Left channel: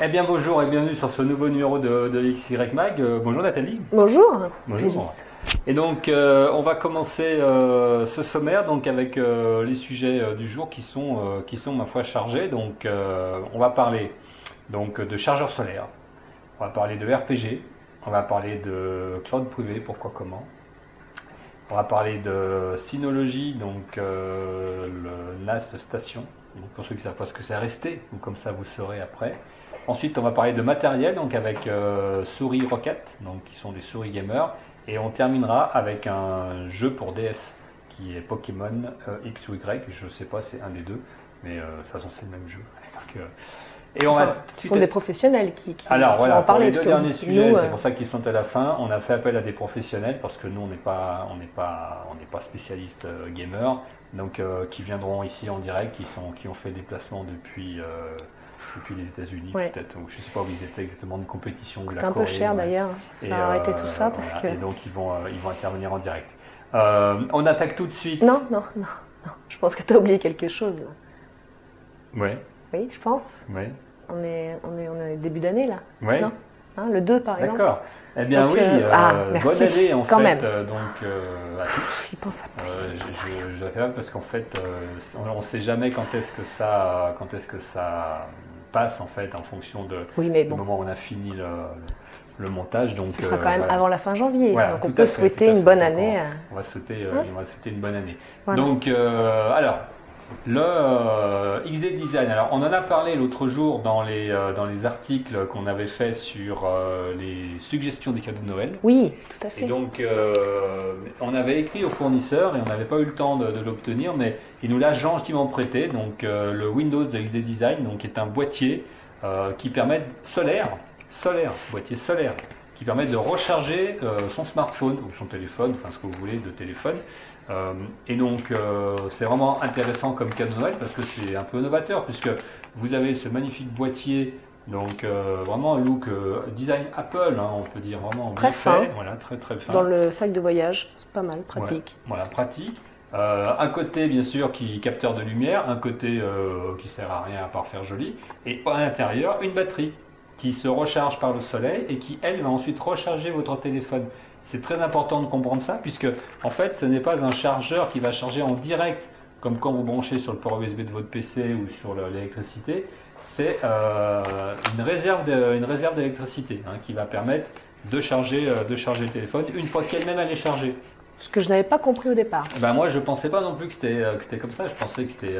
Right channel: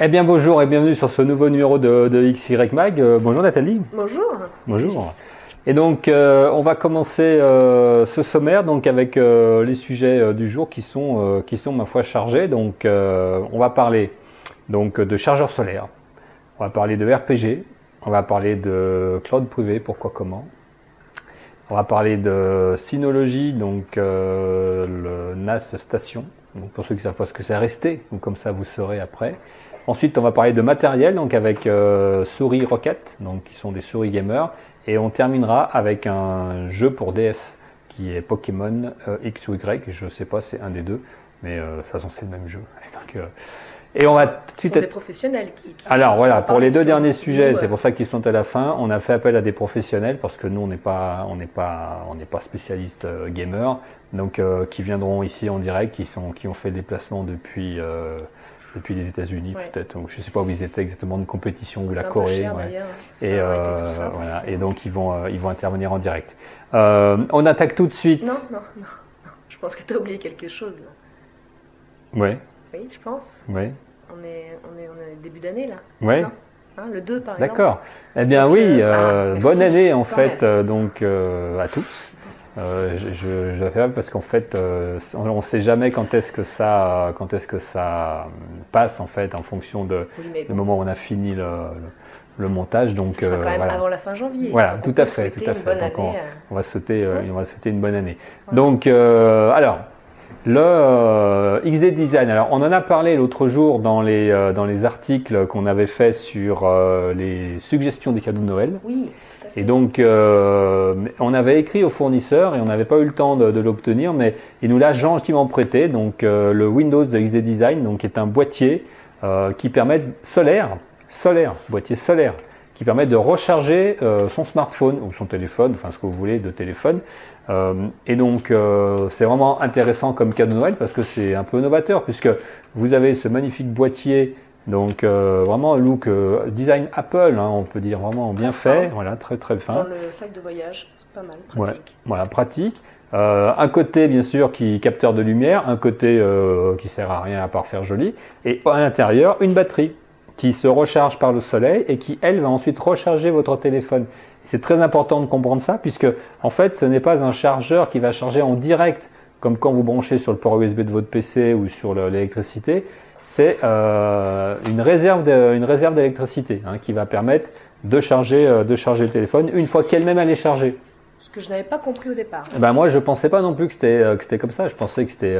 Eh bien bonjour et bienvenue sur ce nouveau numéro de XY Mag. Bonjour Nathalie. Bonjour. Bonjour. Et donc on va commencer ce sommaire donc avec les sujets du jour qui sont ma foi chargés. Donc on va parler donc de chargeurs solaires, on va parler de RPG, on va parler de cloud privé, pourquoi comment. On va parler de Synology, donc le NAS Station. Donc pour ceux qui ne savent pas ce que c'est, restez, ou comme ça vous saurez après. Ensuite, on va parler de matériel, donc avec souris Rocket, donc qui sont des souris gamers. Et on terminera avec un jeu pour DS qui est Pokémon X ou Y. Je ne sais pas, c'est un des deux, mais de toute façon, c'est le même jeu. Donc, et on va tout de suite. Ce sont des professionnels Alors qui voilà, vont pour parler, les deux parce que derniers sujets, nous, c'est pour ça qu'ils sont à la fin. On a fait appel à des professionnels parce que nous, on n'est pas spécialistes gamers, donc qui viendront ici en direct, qui ont fait des déplacements depuis les États-Unis, Ouais. peut-être. Donc, je ne sais pas où ils étaient exactement, de compétition ou de la un Corée. peu cher Ouais. d'ailleurs. Et, Arrêter tout ça parce voilà. que... Et donc ils vont intervenir en direct. On attaque tout de suite. Non. Je pense que tu as oublié quelque chose. Oui, Oui, je pense. oui, On est début d'année là. oui. Non hein, le 2 par exemple. D'accord. Eh bien Donc, oui, merci, bonne année en quand fait, même. donc à tous. J'y pense à Je la fais mal parce qu'en fait, on ne sait jamais quand est-ce que ça passe en fait en fonction Oui, mais du bon, moment où on a fini le montage. Donc ce sera quand même voilà. avant la fin janvier. Voilà, donc tout on à peut fait, souhaiter tout à une fait. bonne Donc, année. on va souhaiter une bonne année. Voilà. Donc alors. Le XD Design, alors on en a parlé l'autre jour dans les articles qu'on avait fait sur les suggestions des cadeaux de Noël. Oui, tout à fait. Et donc on avait écrit au fournisseur et on n'avait pas eu le temps de l'obtenir, mais il nous l'a gentiment prêté. Donc le Windows de XD Design, donc est un boîtier qui permet boîtier solaire, qui permet de recharger son smartphone ou son téléphone, enfin ce que vous voulez de téléphone. Et donc c'est vraiment intéressant comme cadeau de Noël parce que c'est un peu novateur puisque vous avez ce magnifique boîtier, donc vraiment look design Apple, hein, on peut dire vraiment bien Très fait, fin. voilà, très très fin. Dans le sac de voyage, c'est pas mal, pratique. Voilà, pratique. Un côté bien sûr qui capteur de lumière, un côté qui sert à rien à part faire joli, et à l'intérieur une batterie qui se recharge par le soleil et qui elle va ensuite recharger votre téléphone. C'est très important de comprendre ça puisque en fait ce n'est pas un chargeur qui va charger en direct comme quand vous branchez sur le port USB de votre PC ou sur l'électricité. C'est une réserve d'électricité hein, qui va permettre de charger le téléphone une fois qu'elle-même elle est chargée. Ce que je n'avais pas compris au départ. Ben moi, je ne pensais pas non plus que c'était comme ça. Je pensais que c'était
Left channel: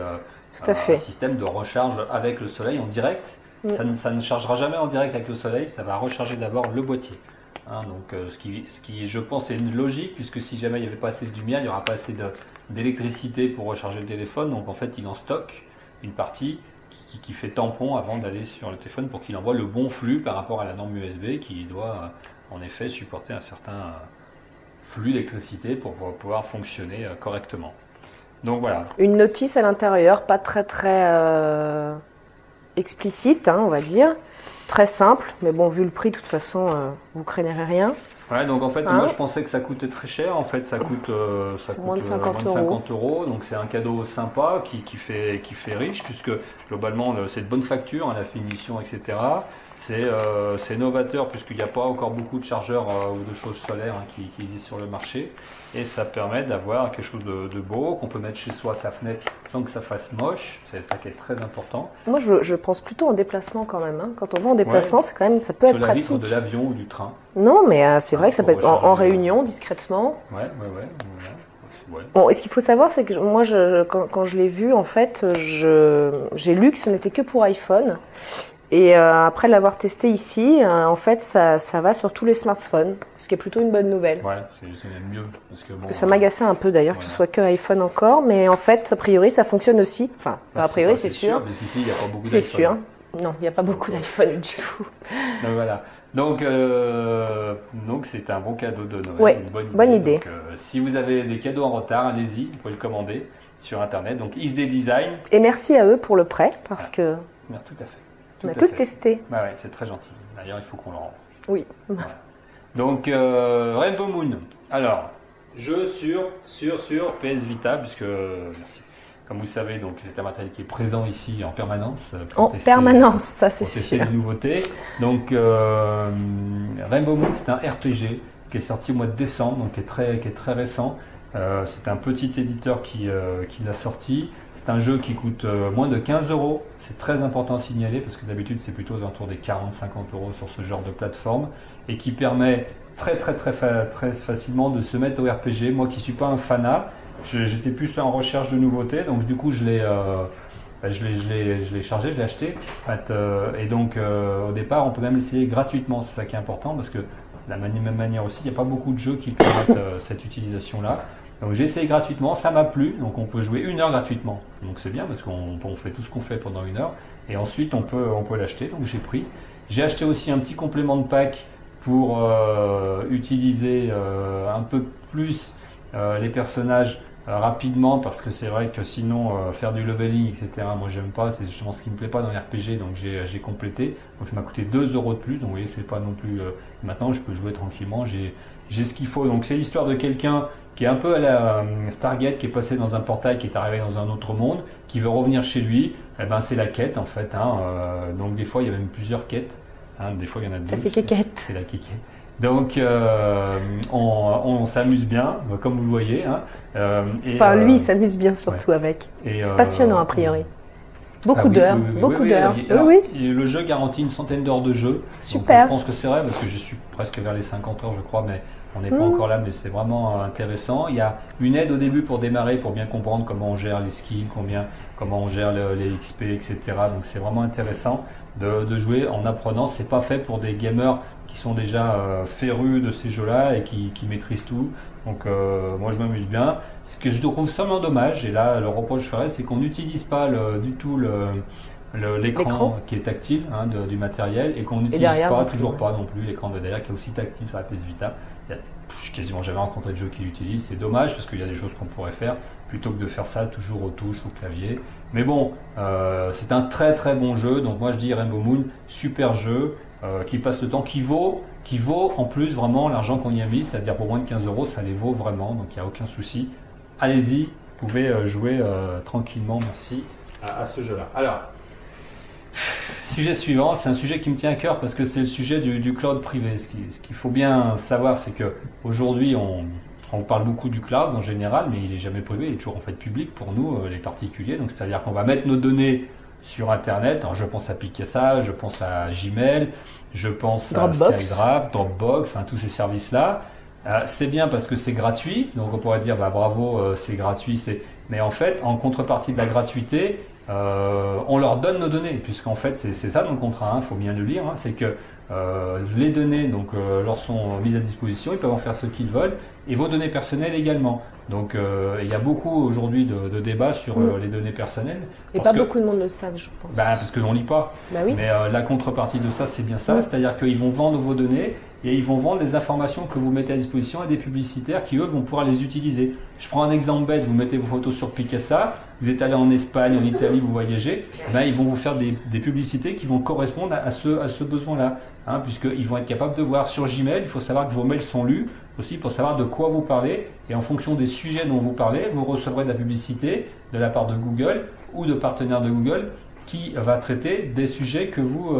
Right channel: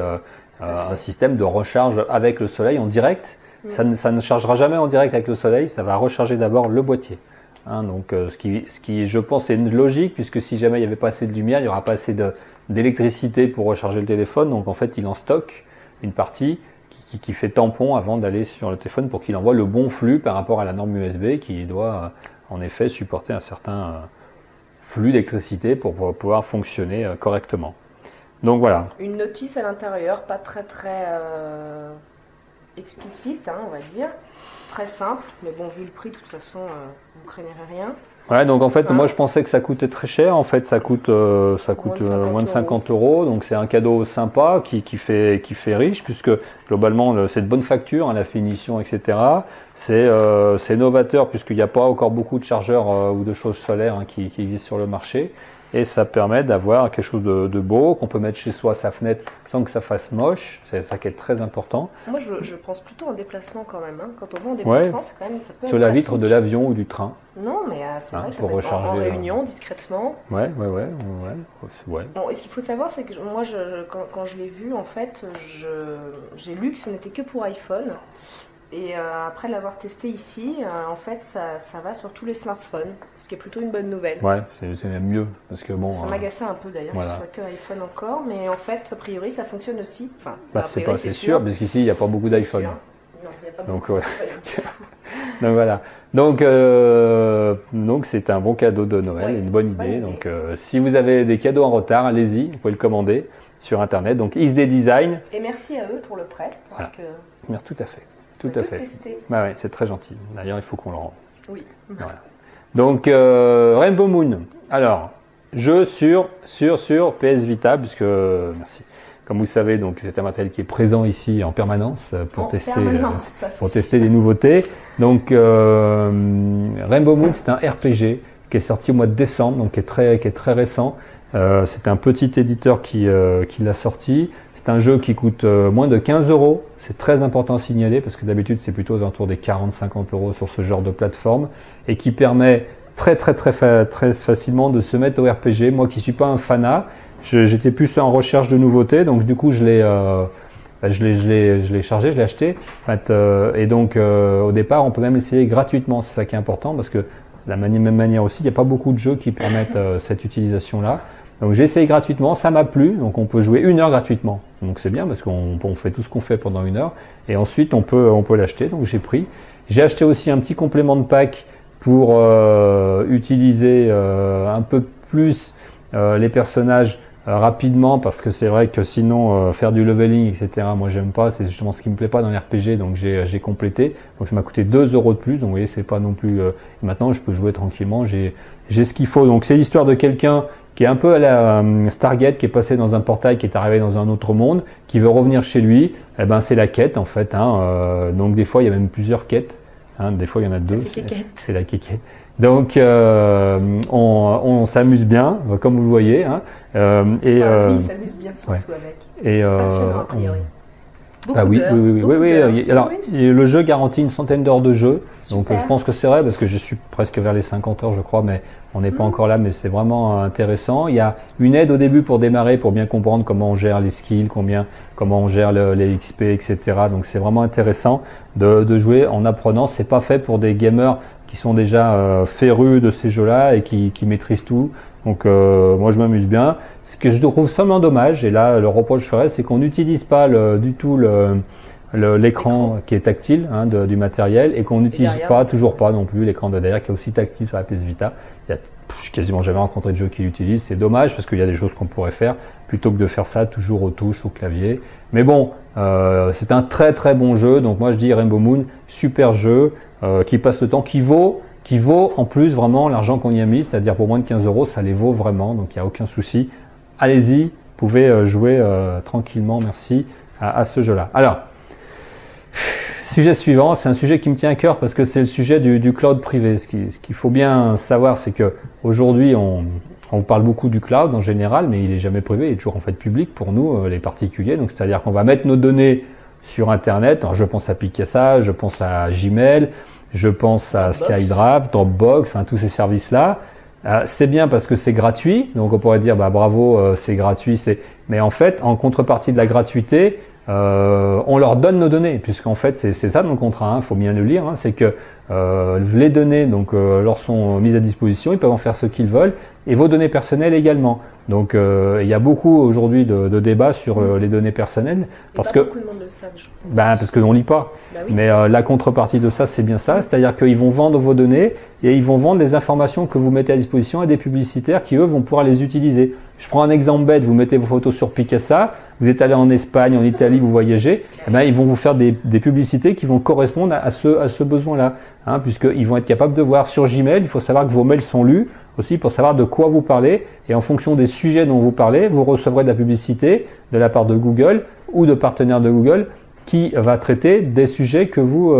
Tout à fait. un système de recharge avec le soleil en direct. Oui. Ça ne chargera jamais en direct avec le soleil. Ça va recharger d'abord le boîtier. Hein, donc, ce qui, je pense, est une logique, puisque si jamais il n'y avait pas assez de lumière, il n'y aura pas assez d'électricité pour recharger le téléphone. Donc, en fait, il en stocke une partie qui fait tampon avant d'aller sur le téléphone pour qu'il envoie le bon flux par rapport à la norme USB qui doit, en effet, supporter un certain flux d'électricité pour pouvoir fonctionner correctement. Donc voilà. Une notice à l'intérieur, pas très explicite, hein, on va dire. Très simple, mais bon, vu le prix, de toute façon, vous craignez rien. Ouais, donc en fait, Hein moi je pensais que ça coûtait très cher. En fait, ça coûte moins de 50 euros. Donc c'est un cadeau sympa qui fait riche, puisque globalement c'est de bonne facture, hein, la finition, etc. C'est novateur, puisqu'il n'y a pas encore beaucoup de chargeurs ou de choses solaires hein, qui existent sur le marché. Et ça permet d'avoir quelque chose de beau, qu'on peut mettre chez soi à sa fenêtre sans que ça fasse moche. C'est ça qui est très important. Moi, je pense plutôt en déplacement quand même. Hein. Quand on va en déplacement, c'est quand même, ça peut être Sur la pratique. vitre de l'avion ou du train. Non, mais c'est vrai que ça pour peut être en recharger, réunion, discrètement. Ouais. Bon, et ce qu'il faut savoir, c'est que moi, quand je l'ai vu, en fait, j'ai lu que ce n'était que pour iPhone. Et après l'avoir testé ici, en fait, ça va sur tous les smartphones, ce qui est plutôt une bonne nouvelle. Ouais, c'est même mieux. Parce que bon, Ça m'agaçait un peu d'ailleurs que ce soit que iPhone encore, mais en fait, a priori, ça fonctionne aussi. Enfin, a priori, c'est sûr. Parce qu'ici, il n'y a pas beaucoup C'est d'iPhone. sûr. Non, il n'y a pas beaucoup d'iPhone du tout. Donc voilà. Donc c'est un bon cadeau de Noël, Ouais, une bonne bonne idée. idée. Donc, si vous avez des cadeaux en retard, allez-y, vous pouvez le commander sur Internet. Donc XD Design. Et merci à eux pour le prêt, parce que Merci, tout à fait. on peut le tester. Ouais, c'est très gentil. D'ailleurs, il faut qu'on le rende. Oui. Voilà. Donc Rainbow Moon. Alors, jeu sur PS Vita, puisque merci. comme vous savez, donc c'est un matériel qui est présent ici en permanence pour tester des nouveautés. Donc Rainbow Moon, c'est un RPG qui est sorti au mois de décembre, donc qui est très récent. C'est un petit éditeur qui l'a sorti. C'est un jeu qui coûte moins de 15 euros. C'est très important à signaler parce que d'habitude c'est plutôt aux alentours des 40-50 euros sur ce genre de plateforme et qui permet très facilement de se mettre au RPG. Moi qui ne suis pas un fanat, j'étais plus en recherche de nouveautés, donc du coup je l'ai chargé, je l'ai acheté. Et donc au départ on peut même l'essayer gratuitement, c'est ça qui est important parce que de la même manière aussi, il n'y a pas beaucoup de jeux qui permettent cette utilisation-là. Donc j'ai essayé gratuitement, ça m'a plu, donc on peut jouer 1 heure gratuitement. Donc c'est bien parce qu'on fait tout ce qu'on fait pendant 1 heure et ensuite on peut l'acheter, donc j'ai pris. J'ai acheté aussi un petit complément de pack pour utiliser un peu plus les personnages rapidement parce que c'est vrai que sinon faire du leveling etc. moi j'aime pas, c'est justement ce qui me plaît pas dans les RPG, donc j'ai complété, donc ça m'a coûté 2 euros de plus, donc vous voyez c'est pas non plus maintenant je peux jouer tranquillement, j'ai ce qu'il faut. Donc c'est l'histoire de quelqu'un qui est un peu à la Stargate, qui est passé dans un portail, qui est arrivé dans un autre monde, qui veut revenir chez lui. Eh ben c'est la quête en fait, donc des fois il y a même plusieurs quêtes, des fois il y en a 2, c'est la quéquette. Donc on s'amuse bien, comme vous le voyez. Lui il s'amuse bien surtout avec. C'est passionnant a priori. Beaucoup d'heures. Le jeu garantit une centaine d'heures de jeu. Super. Donc je pense que c'est vrai parce que je suis presque vers les 50 heures je crois, mais on n'est pas encore là, mais c'est vraiment intéressant. Il y a une aide au début pour démarrer, pour bien comprendre comment on gère les skills, comment on gère les XP, etc. Donc c'est vraiment intéressant de jouer en apprenant. C'est pas fait pour des gamers qui sont déjà férus de ces jeux-là et qui maîtrisent tout. Donc moi je m'amuse bien. Ce que je trouve seulement dommage, et là le reproche que je ferais, c'est qu'on n'utilise pas du tout l'écran qui est tactile du matériel et qu'on n'utilise toujours pas non plus l'écran de derrière qui est aussi tactile sur la PS Vita. Il y a quasiment jamais rencontré de jeu qui l'utilise. C'est dommage parce qu'il y a des choses qu'on pourrait faire plutôt que de faire ça toujours aux touches, au clavier. Mais bon, c'est un très bon jeu. Donc moi je dis Rainbow Moon, super jeu qui passe le temps, qui vaut en plus vraiment l'argent qu'on y a mis, c'est-à-dire pour moins de 15 euros, ça les vaut vraiment, donc il n'y a aucun souci. Allez-y, vous pouvez jouer tranquillement, merci, à ce jeu-là. Alors, sujet suivant, c'est un sujet qui me tient à cœur parce que c'est le sujet du cloud privé. Ce qu'il faut bien savoir, c'est qu'aujourd'hui, on parle beaucoup du cloud en général, mais il n'est jamais privé, il est toujours en fait public pour nous, les particuliers. Donc c'est-à-dire qu'on va mettre nos données sur Internet. Alors je pense à Picasa, je pense à Gmail, je pense à SkyDrive, Dropbox, tous ces services-là. C'est bien parce que c'est gratuit, donc on pourrait dire bravo, c'est gratuit. Mais en fait, en contrepartie de la gratuité, on leur donne nos données, puisqu'en fait c'est ça dans le contrat, il faut bien le lire, c'est que les données leur sont mises à disposition, ils peuvent en faire ce qu'ils veulent, et vos données personnelles également. Donc il y a beaucoup aujourd'hui de débats sur les données personnelles. Parce que beaucoup de monde le savent, je pense. Parce que on lit pas. Oui. Mais la contrepartie de ça, c'est bien ça, c'est-à-dire qu'ils vont vendre vos données et ils vont vendre les informations que vous mettez à disposition à des publicitaires qui eux vont pouvoir les utiliser. Je prends un exemple bête, vous mettez vos photos sur Picasa, vous êtes allé en Espagne, en Italie, vous voyagez, ils vont vous faire des publicités qui vont correspondre à ce besoin-là, puisqu'ils vont être capables de voir sur Gmail. Il faut savoir que vos mails sont lus aussi pour savoir de quoi vous parlez, et en fonction des sujets dont vous parlez, vous recevrez de la publicité de la part de Google ou de partenaires de Google qui va traiter des sujets que vous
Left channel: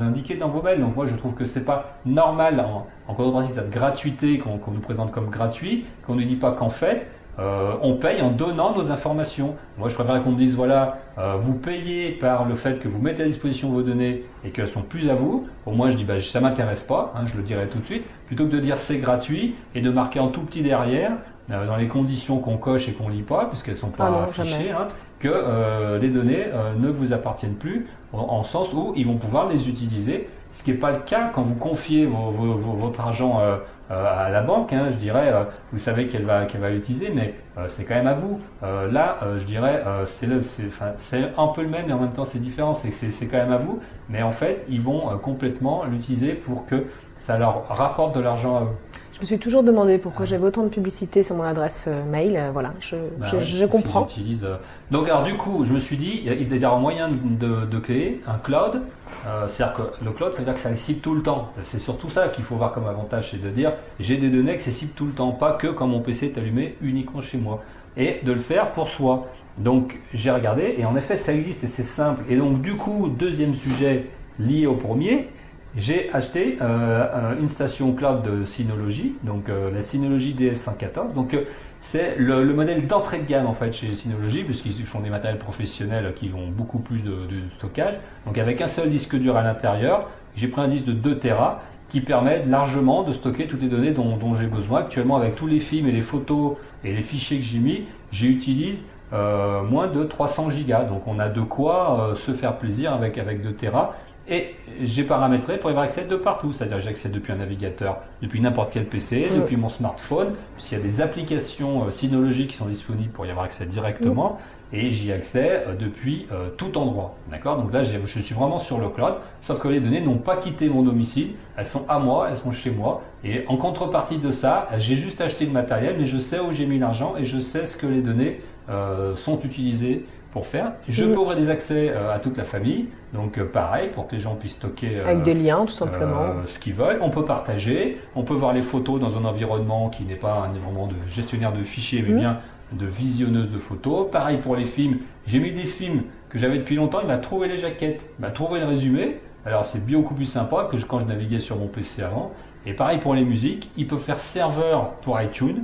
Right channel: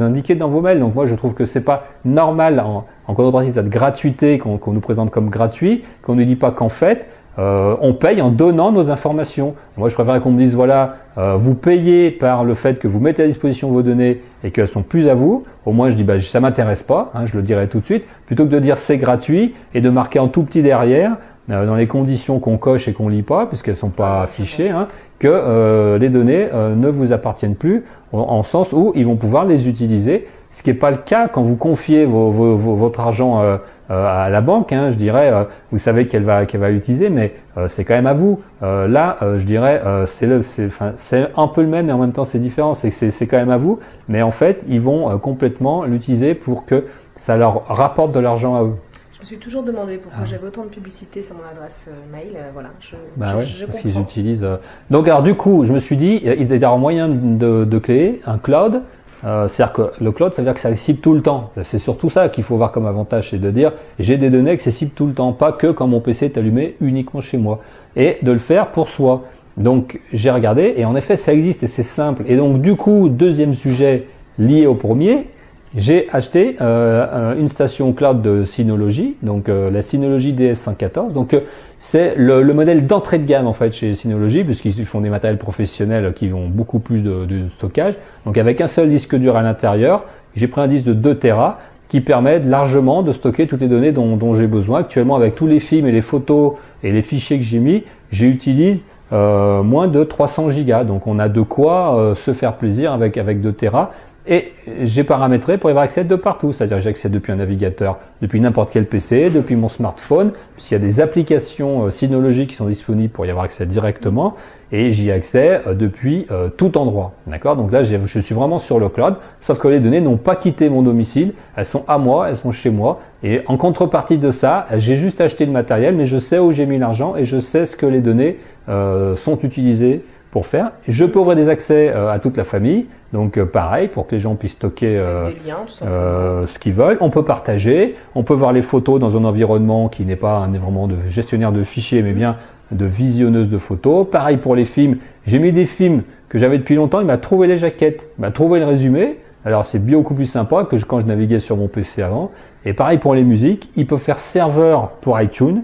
indiquez dans vos mails. Donc moi je trouve que c'est pas normal en contrepartie de cette gratuité qu'on nous présente comme gratuit, qu'on ne dit pas qu'en fait on paye en donnant nos informations. Moi je préfère qu'on me dise voilà, vous payez par le fait que vous mettez à disposition vos données et qu'elles sont plus à vous. Au moins je dis ça m'intéresse pas, je le dirai tout de suite, plutôt que de dire c'est gratuit et de marquer en tout petit derrière dans les conditions qu'on coche et qu'on lit pas puisqu'elles sont pas affichées, que les données ne vous appartiennent plus en sens où ils vont pouvoir les utiliser, ce qui n'est pas le cas quand vous confiez votre argent à la banque, je dirais, vous savez qu'elle va l'utiliser, mais c'est quand même à vous. Là, je dirais, c'est un peu le même, mais en même temps c'est différent, c'est quand même à vous, mais en fait, ils vont complètement l'utiliser pour que ça leur rapporte de l'argent à eux. Je me suis toujours demandé pourquoi j'avais autant de publicité sur mon adresse mail. Voilà, je comprends. Utilisent, Donc alors du coup, je me suis dit, il y a un moyen de créer un cloud. C'est-à-dire que le cloud, ça veut dire que c'est accessible tout le temps. C'est surtout ça qu'il faut voir comme avantage, c'est de dire j'ai des données accessibles tout le temps, pas que quand mon PC est allumé uniquement chez moi. Et de le faire pour soi. Donc j'ai regardé et en effet ça existe et c'est simple. Et donc du coup, deuxième sujet lié au premier, j'ai acheté une station cloud de Synology, donc la Synology DS114. Donc c'est le modèle d'entrée de gamme en fait chez Synology, puisqu'ils font des matériels professionnels qui ont beaucoup plus de stockage. Donc avec un seul disque dur à l'intérieur, j'ai pris un disque de 2 Tera qui permet largement de stocker toutes les données dont j'ai besoin. Actuellement, avec tous les films et les photos et les fichiers que j'ai mis, j'utilise moins de 300 gigas. Donc on a de quoi se faire plaisir avec 2 Tera. Et j'ai paramétré pour y avoir accès de partout, c'est-à-dire j'ai accès depuis un navigateur, depuis n'importe quel PC, depuis mon smartphone, puisqu'il y a des applications Synology qui sont disponibles pour y avoir accès directement, et j'y ai accès depuis tout endroit. D'accord? Donc là, je suis vraiment sur le cloud, sauf que les données n'ont pas quitté mon domicile, elles sont à moi, elles sont chez moi, et en contrepartie de ça, j'ai juste acheté le matériel, mais je sais où j'ai mis l'argent et je sais ce que les données sont utilisées pour faire. Je peux ouvrir des accès à toute la famille, donc pareil, pour que les gens puissent stocker avec des liens, tout simplement. Ce qu'ils veulent. On peut partager, on peut voir les photos dans un environnement qui n'est pas un environnement de gestionnaire de fichiers, mais bien de visionneuse de photos. Pareil pour les films, j'ai mis des films que j'avais depuis longtemps, il m'a trouvé les jaquettes, il m'a trouvé le résumé. Alors c'est beaucoup plus sympa que quand je naviguais sur mon PC avant. Et pareil pour les musiques, il peut faire serveur pour iTunes.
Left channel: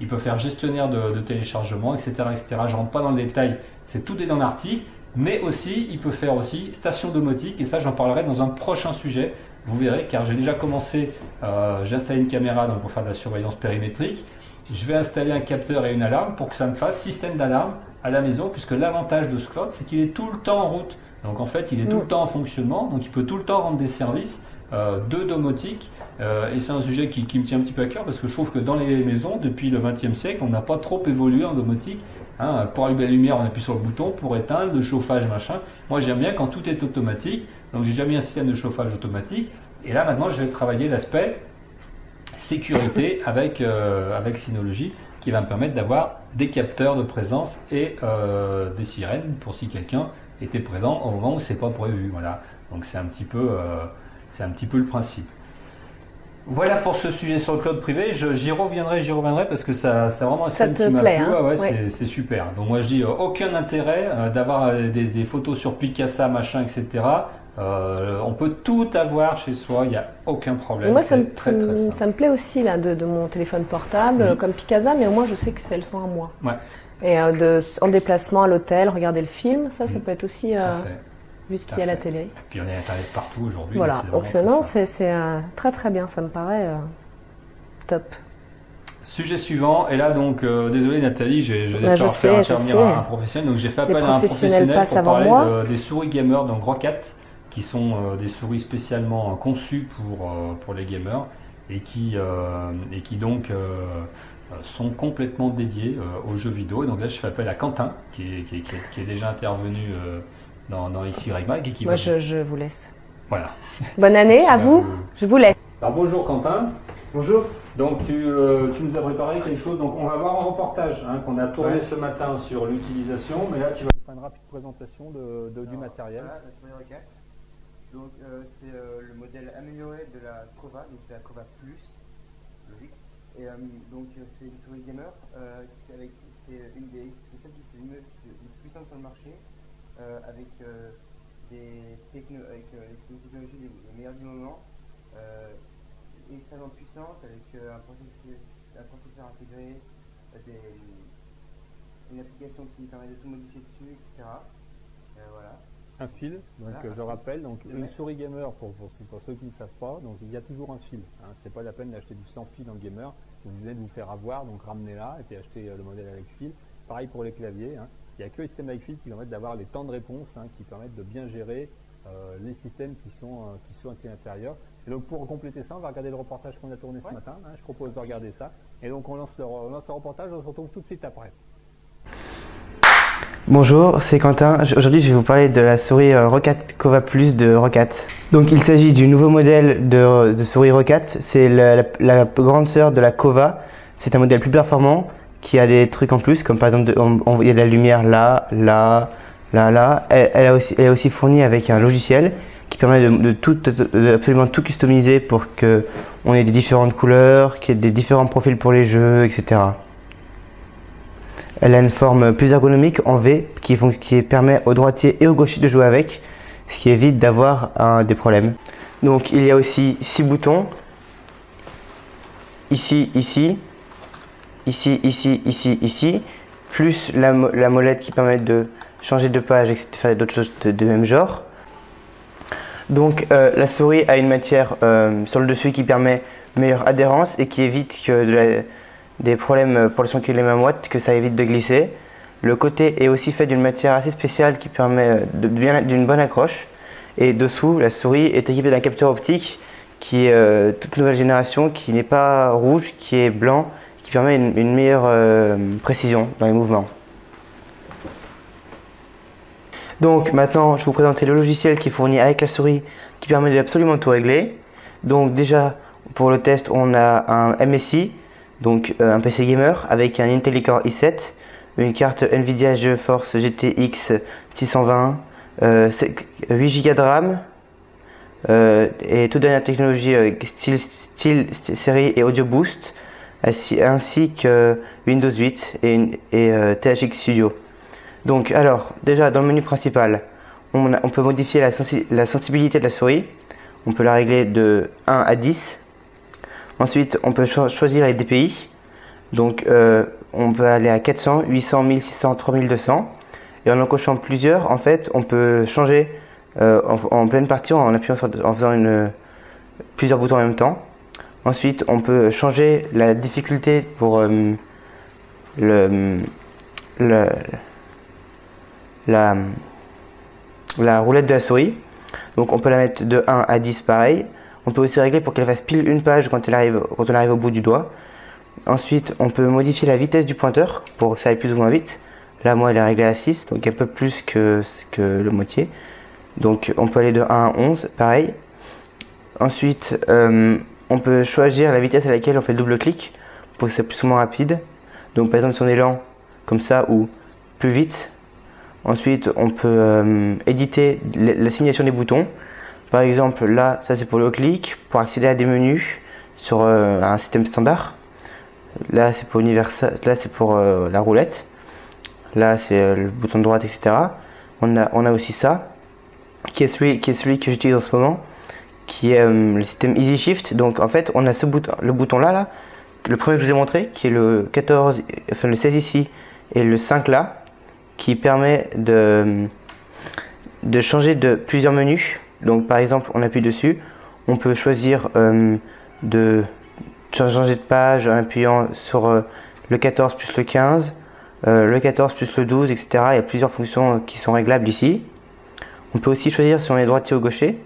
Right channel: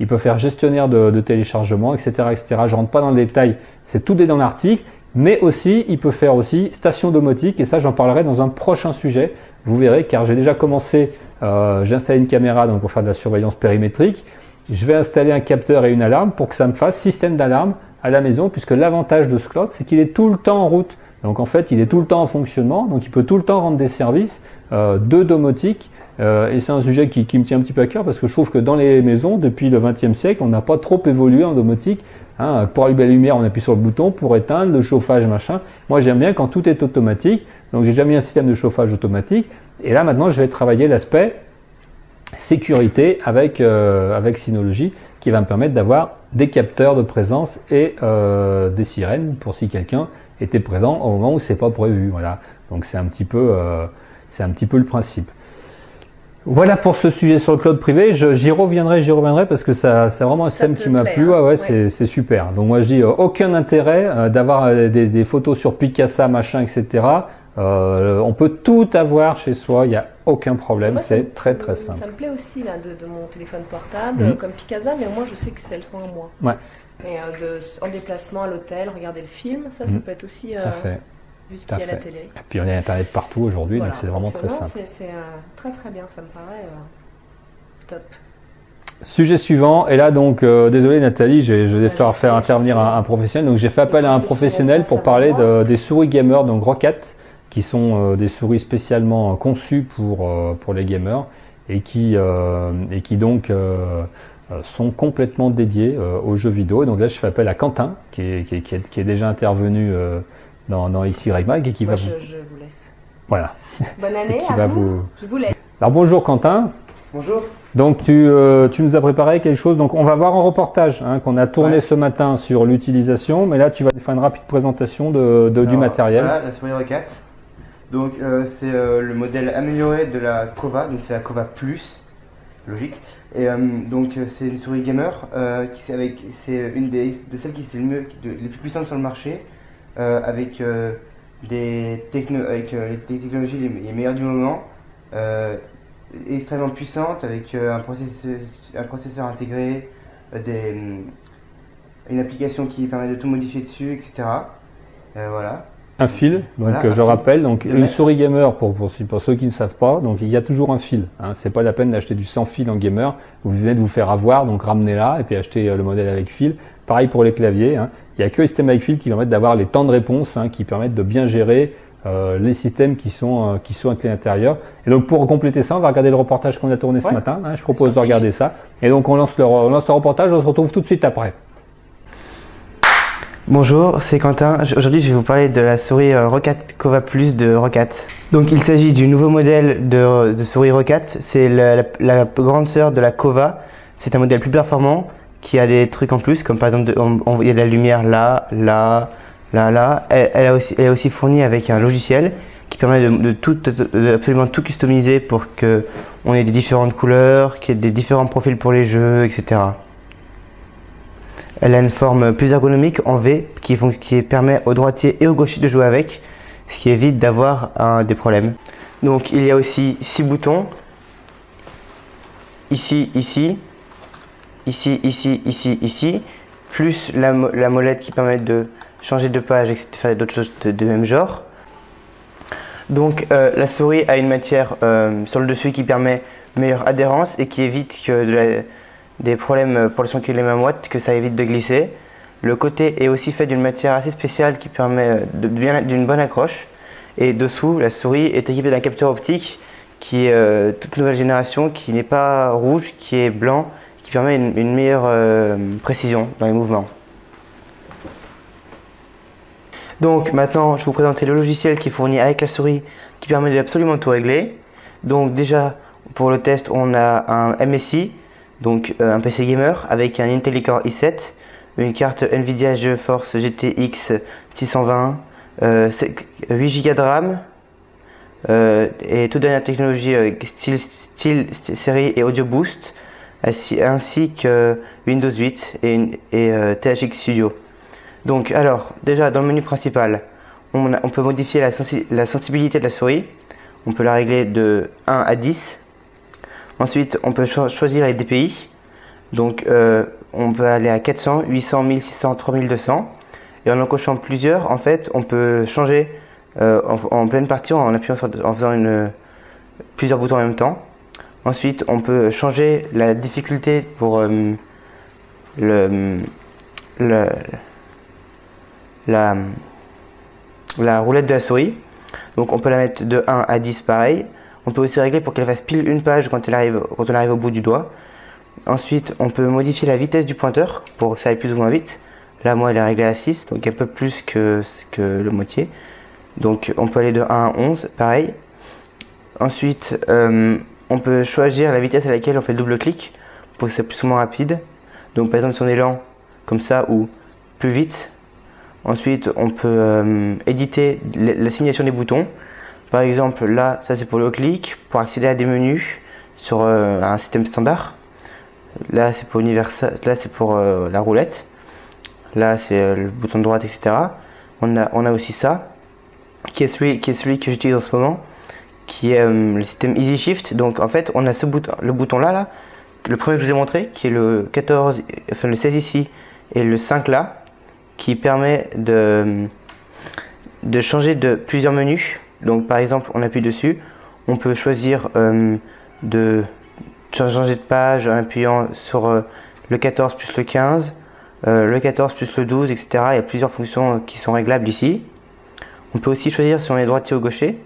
Il peut faire gestionnaire de téléchargement, etc., etc. Je ne rentre pas dans le détail, c'est tout dans l'article, mais aussi il peut faire aussi station domotique, et ça j'en parlerai dans un prochain sujet, vous verrez, car j'ai déjà commencé, j'ai installé une caméra donc pour faire de la surveillance périmétrique, je vais installer un capteur et une alarme pour que ça me fasse système d'alarme à la maison, puisque l'avantage de ce cloud, c'est qu'il est tout le temps en route, donc en fait il est tout le temps en fonctionnement, donc il peut tout le temps rendre des services de domotique. Et c'est un sujet qui me tient un petit peu à cœur parce que je trouve que dans les maisons, depuis le XXe siècle, on n'a pas trop évolué en domotique. Pour allumer la lumière, on appuie sur le bouton, pour éteindre, le chauffage, machin. Moi, j'aime bien quand tout est automatique. Donc, j'ai déjà mis un système de chauffage automatique. Et là, maintenant, je vais travailler l'aspect sécurité avec Synology qui va me permettre d'avoir des capteurs de présence et des sirènes pour si quelqu'un était présent au moment où c'est pas prévu. Voilà. Donc, c'est un petit peu le principe. Voilà pour ce sujet sur le cloud privé, j'y reviendrai parce que c'est vraiment un thème qui m'a plu, c'est super. Donc moi je dis aucun intérêt d'avoir des photos sur Picasa, machin, etc. On peut tout avoir chez soi, il n'y a aucun problème, c'est très simple. Ça me plaît aussi là, de mon téléphone portable, comme Picasa, mais au moins je sais que elles sont à moi. Ouais. Et en déplacement à l'hôtel, regarder le film, ça peut être aussi... vu ce qu'il y a à la télé. Et puis on a Internet partout aujourd'hui, voilà. Donc c'est vraiment c'est très bien, ça me paraît top. Sujet suivant, et là donc, désolé Nathalie, je vais faire intervenir un professionnel, donc j'ai fait appel à un professionnel pour parler des souris gamer, donc Roccat, qui sont des souris spécialement conçues pour les gamers, et qui donc sont complètement dédiées aux jeux vidéo. Et donc là je fais appel à Quentin, qui est déjà intervenu dans XY Mag et qui va je vous laisse. Voilà. Bonne année à vous. Je vous laisse. Alors bonjour Quentin. Bonjour. Donc tu nous as préparé quelque chose. Donc on va voir un reportage qu'on a tourné ce matin sur l'utilisation, mais là tu vas nous faire une rapide présentation du matériel. Voilà, la souris Roccat. Donc c'est le modèle amélioré de la Kova, donc c'est la Kova Plus, logique. Et donc c'est une souris gamer, c'est une de celles qui se fait les plus puissantes sur le marché. Avec les technologies les meilleures du moment, extrêmement puissantes, avec un processeur intégré, une application qui permet de tout modifier dessus, etc. Voilà. Un fil, donc voilà, je rappelle, donc une souris gamer pour ceux qui ne savent pas, donc il y a toujours un fil. C'est pas la peine d'acheter du sans fil en gamer. Vous venez de vous faire avoir, donc ramenez-la et puis achetez le modèle avec fil. Pareil pour les claviers. Il n'y a que les systèmes avec fil qui permettent d'avoir les temps de réponse, qui permettent de bien gérer les systèmes qui sont avec l'intérieur. Et donc pour compléter ça, on va regarder le reportage qu'on a tourné ce matin. Je propose de regarder ça. Et donc on lance le reportage, on se retrouve tout de suite après. Bonjour, c'est Quentin. Aujourd'hui, je vais vous parler de la souris Roccat Kova Plus de Roccat. Donc il s'agit du nouveau modèle de souris Roccat. C'est la grande sœur de la Kova. C'est un modèle plus performant qui a des trucs en plus, comme par exemple il y a de la lumière là. Elle est aussi fournie avec un logiciel qui permet de absolument tout customiser pour qu'on ait des différentes couleurs, qu'il y ait des différents profils pour les jeux, etc. Elle a une forme plus ergonomique en V qui permet aux droitiers et aux gauchers de jouer avec, ce qui évite d'avoir des problèmes. Donc il y a aussi 6 boutons, ici, ici, ici, ici, ici, ici, plus la molette qui permet de changer de page et de faire d'autres choses de même genre. Donc la souris a une matière sur le dessus qui permet meilleure adhérence et qui évite que des problèmes pour le son qui les mamoite, que ça évite de glisser. Le côté est aussi fait d'une matière assez spéciale qui permet d'une bonne accroche. Et dessous, la souris est équipée d'un capteur optique qui est toute nouvelle génération, qui n'est pas rouge, qui est blanc, qui permet une meilleure précision dans les mouvements. Donc maintenant, je vais vous présenter le logiciel qui est fourni avec la souris, qui permet de absolument tout régler. Donc déjà, pour le test, on a un MSI, donc un PC gamer, avec un Intel Core i7, une carte Nvidia GeForce GTX 620, 8 Go de RAM, et toute dernière technologie style série et Audio Boost, ainsi que Windows 8 et THX Studio. Donc alors, déjà dans le menu principal, on peut modifier la sensibilité de la souris. On peut la régler de 1 à 10. Ensuite, on peut choisir les DPI. Donc on peut aller à 400, 800, 1600, 3200. Et en cochant plusieurs, en fait, on peut changer en pleine partie en appuyant en faisant plusieurs boutons en même temps. Ensuite, on peut changer la difficulté pour la roulette de la souris. Donc on peut la mettre de 1 à 10 pareil. On peut aussi régler pour qu'elle fasse pile une page quand on arrive au bout du doigt. Ensuite on peut modifier la vitesse du pointeur pour que ça aille plus ou moins vite. Là moi elle est réglée à 6, donc un peu plus que le moitié. Donc on peut aller de 1 à 11 pareil. Ensuite on peut choisir la vitesse à laquelle on fait le double clic pour que c'est plus ou moins rapide. Donc par exemple si on est lent comme ça ou plus vite. Ensuite, on peut éditer l'assignation des boutons. Par exemple, là, ça c'est pour le clic, pour accéder à des menus sur un système standard. Là, c'est pour universal, là c'est pour la roulette. Là, c'est le bouton de droite, etc. On a aussi ça, qui est celui que j'utilise en ce moment, qui est le système Easy Shift. Donc, en fait, on a le bouton là, le premier que je vous ai montré, qui est le 14, enfin le 16 ici et le 5 là, qui permet de changer de plusieurs menus. Donc par exemple on appuie dessus, on peut choisir de changer de page en appuyant sur le 14 plus le 15, le 14 plus le 12, etc. Il y a plusieurs fonctions qui sont réglables ici. On peut aussi choisir si on est droitier ou gaucher.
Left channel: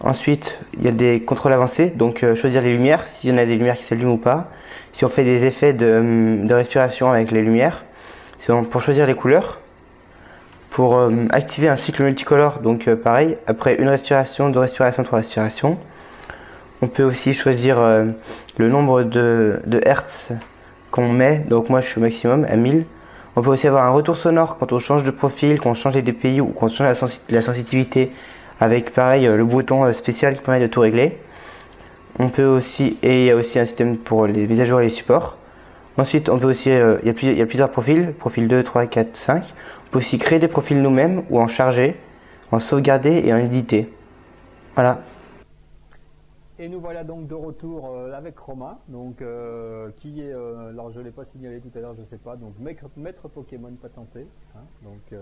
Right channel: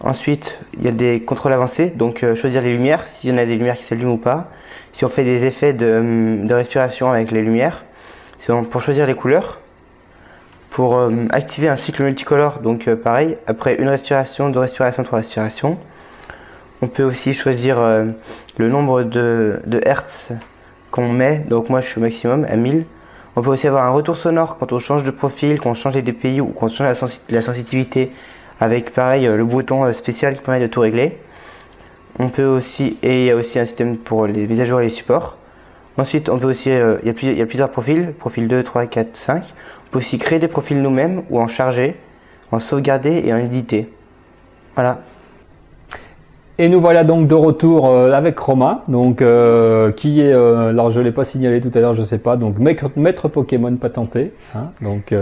Ensuite il y a des contrôles avancés, donc choisir les lumières, s'il y en a des lumières qui s'allument ou pas, si on fait des effets de respiration avec les lumières. Pour choisir les couleurs, pour activer un cycle multicolore, donc pareil, après une respiration, deux respirations, trois respirations. On peut aussi choisir le nombre de hertz qu'on met, donc moi je suis au maximum à 1000. On peut aussi avoir un retour sonore quand on change de profil, quand on change les DPI ou quand on change la sensitivité, avec pareil le bouton spécial qui permet de tout régler. On peut aussi, et il y a aussi un système pour les mises à jour et les supports. Ensuite, on peut aussi, il y a plusieurs profils, profil 2, 3, 4, 5. On peut aussi créer des profils nous-mêmes ou en charger, en sauvegarder et en éditer. Voilà. Et nous voilà donc de retour avec Romain, donc, qui est, alors je ne l'ai pas signalé tout à l'heure, je ne sais pas, donc maître Pokémon patenté, hein, donc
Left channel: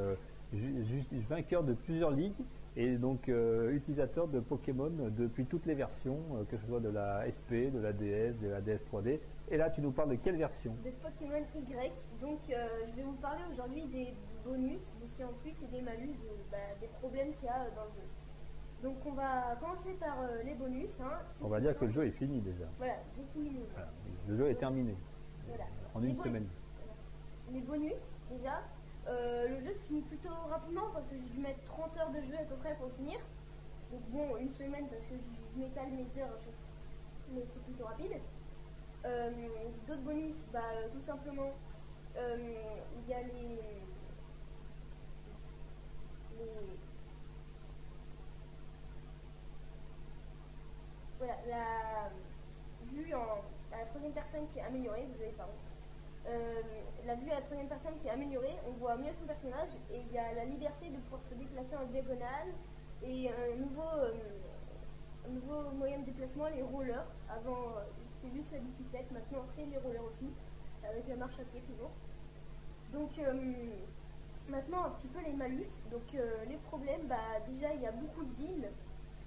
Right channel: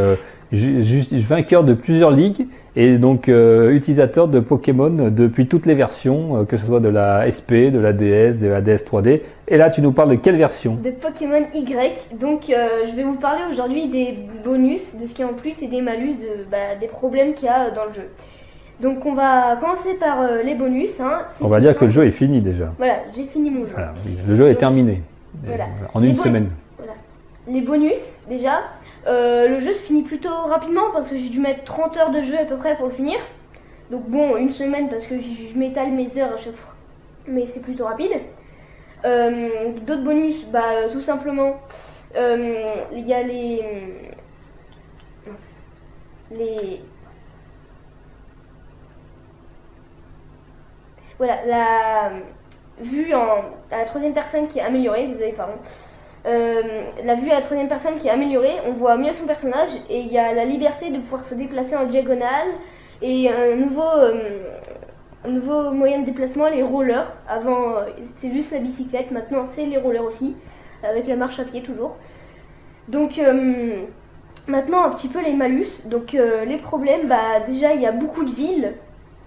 vainqueur de plusieurs ligues et donc utilisateur de Pokémon depuis toutes les versions, que ce soit de la SP, de la DS, de la DS 3D. Et là, tu nous parles de quelle version? De Pokémon Y. Donc, je vais vous parler aujourd'hui des bonus, de ce qu'il y a en plus et des malus, des problèmes qu'il y a dans le jeu. Donc, on va commencer par les bonus. Hein. On va dire que le jeu est fini déjà. Voilà, j'ai fini mon jeu. Voilà, le jeu est terminé. Voilà. En une semaine. Voilà. Les bonus, déjà. Le jeu se finit plutôt rapidement parce que j'ai dû mettre 30 heures de jeu à peu près pour le finir. Donc bon, une semaine parce que je m'étale mes heures à chaque fois. Mais c'est plutôt rapide. D'autres bonus, tout simplement, il y a les voilà, la vue à la troisième personne qui est améliorée, désolé, pardon. La vue à la troisième personne qui est améliorée, on voit mieux son personnage et il y a la liberté de pouvoir se déplacer en diagonale et un nouveau moyen de déplacement, les rollers. Avant c'est juste la bicyclette, maintenant c'est les rollers aussi, avec la marche à pied toujours. Donc maintenant un petit peu les malus, donc les problèmes, déjà il y a beaucoup de villes,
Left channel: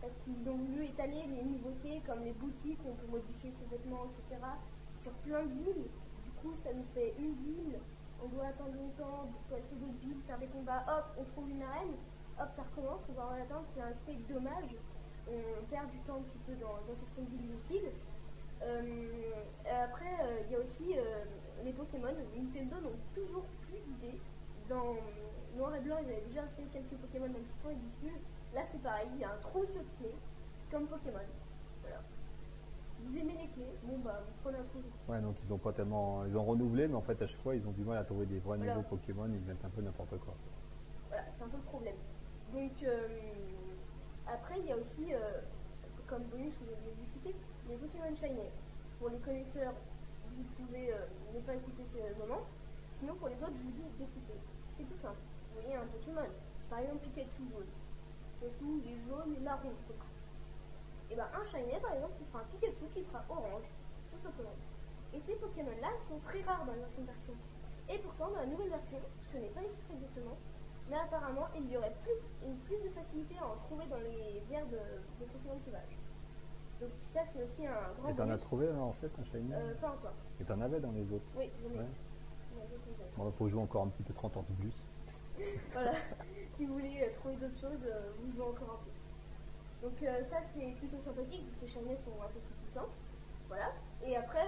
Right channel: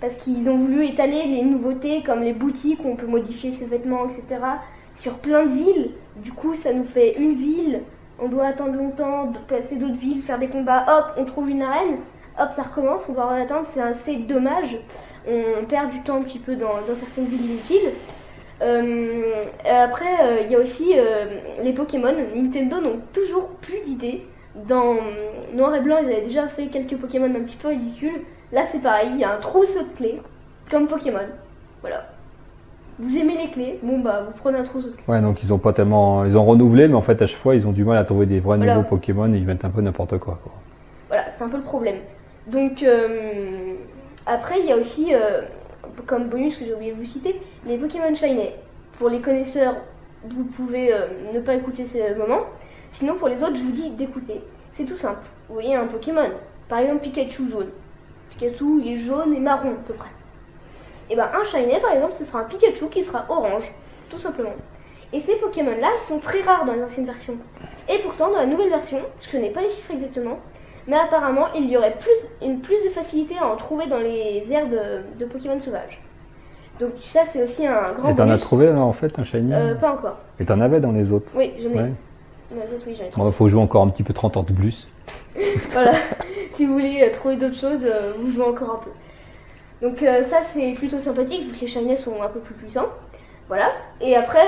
parce qu'ils ont voulu étaler les nouveautés comme les boutiques où on peut modifier ses vêtements, etc. sur plein de villes. Du coup, ça nous fait une ville, on doit attendre longtemps, passer d'autres villes, faire des combats, hop, on trouve une arène, hop, ça recommence, on doit attendre, c'est assez dommage. On perd du temps un petit peu dans certaines villes inutiles. Après, il y a aussi les Pokémon. Nintendo n'ont toujours plus d'idées. Dans Noir et Blanc, ils avaient déjà fait quelques Pokémon un petit peu ridicules. Là, c'est pareil, il y a un trousseau de clés, comme Pokémon. Voilà. Vous aimez les clés, bon vous prenez un trousseau de clés. Ouais, donc ils ont pas tellement, ils ont renouvelé, mais en fait à chaque fois ils ont du mal à trouver des vrais nouveaux Pokémon et ils mettent un peu n'importe quoi. Voilà, c'est un peu le problème. Donc après il y a aussi, comme bonus que j'ai oublié de vous citer, les Pokémon Shiny. Pour les connaisseurs, vous pouvez ne pas écouter ces moments. Sinon pour les autres, je vous dis d'écouter. C'est tout simple. Vous voyez un Pokémon, par exemple Pikachu jaune. Pikachu il est jaune et marron à peu près. Et un Shiny par exemple, ce sera un Pikachu qui sera orange, tout simplement. Et ces Pokémon là, ils sont très rares dans les anciennes versions. Et pourtant dans la nouvelle version, je connais pas les chiffres exactement, mais apparemment il y aurait plus de facilité à en trouver dans les aires de Pokémon sauvages. Donc ça c'est aussi un grand bonus. Et t'en as trouvé en fait un Shiny Pas encore. Et t'en avais dans les autres? Oui, j'en ai. Ouais. Dans les autres, oui, j'en ai trouvé. Bon, faut jouer encore un petit peu 30 ans de plus. Voilà, si vous voulez trouver d'autres choses, vous jouez encore un peu. Donc ça c'est plutôt sympathique vu que les Shiny sont un peu plus puissants. Voilà, et après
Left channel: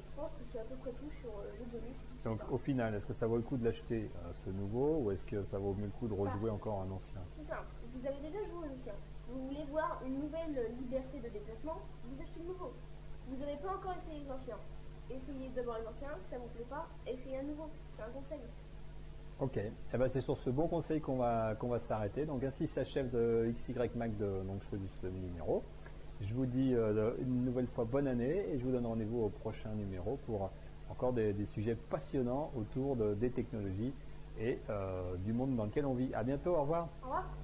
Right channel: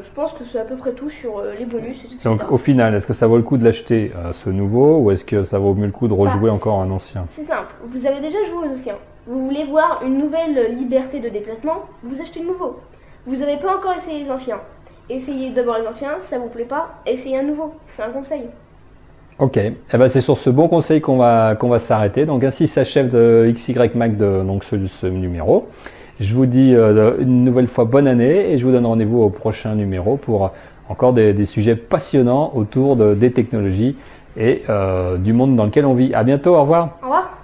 je pense que c'est à peu près tout sur les bonus et tout ça. Donc au final, est-ce que ça vaut le coup de l'acheter ce nouveau ou est-ce que ça vaut mieux le coup de rejouer encore un ancien? C'est simple, vous avez déjà joué aux anciens. Vous voulez voir une nouvelle liberté de déplacement, vous achetez le nouveau. Vous n'avez pas encore essayé les anciens. Essayez d'abord les anciens, ça vous plaît pas, essayez un nouveau, c'est un conseil. Ok, c'est sur ce bon conseil qu'on va s'arrêter. Donc ainsi s'achève de XY Mag donc ce numéro. Je vous dis une nouvelle fois bonne année et je vous donne rendez-vous au prochain numéro pour encore des sujets passionnants autour des technologies et du monde dans lequel on vit. À bientôt, au revoir. Au revoir.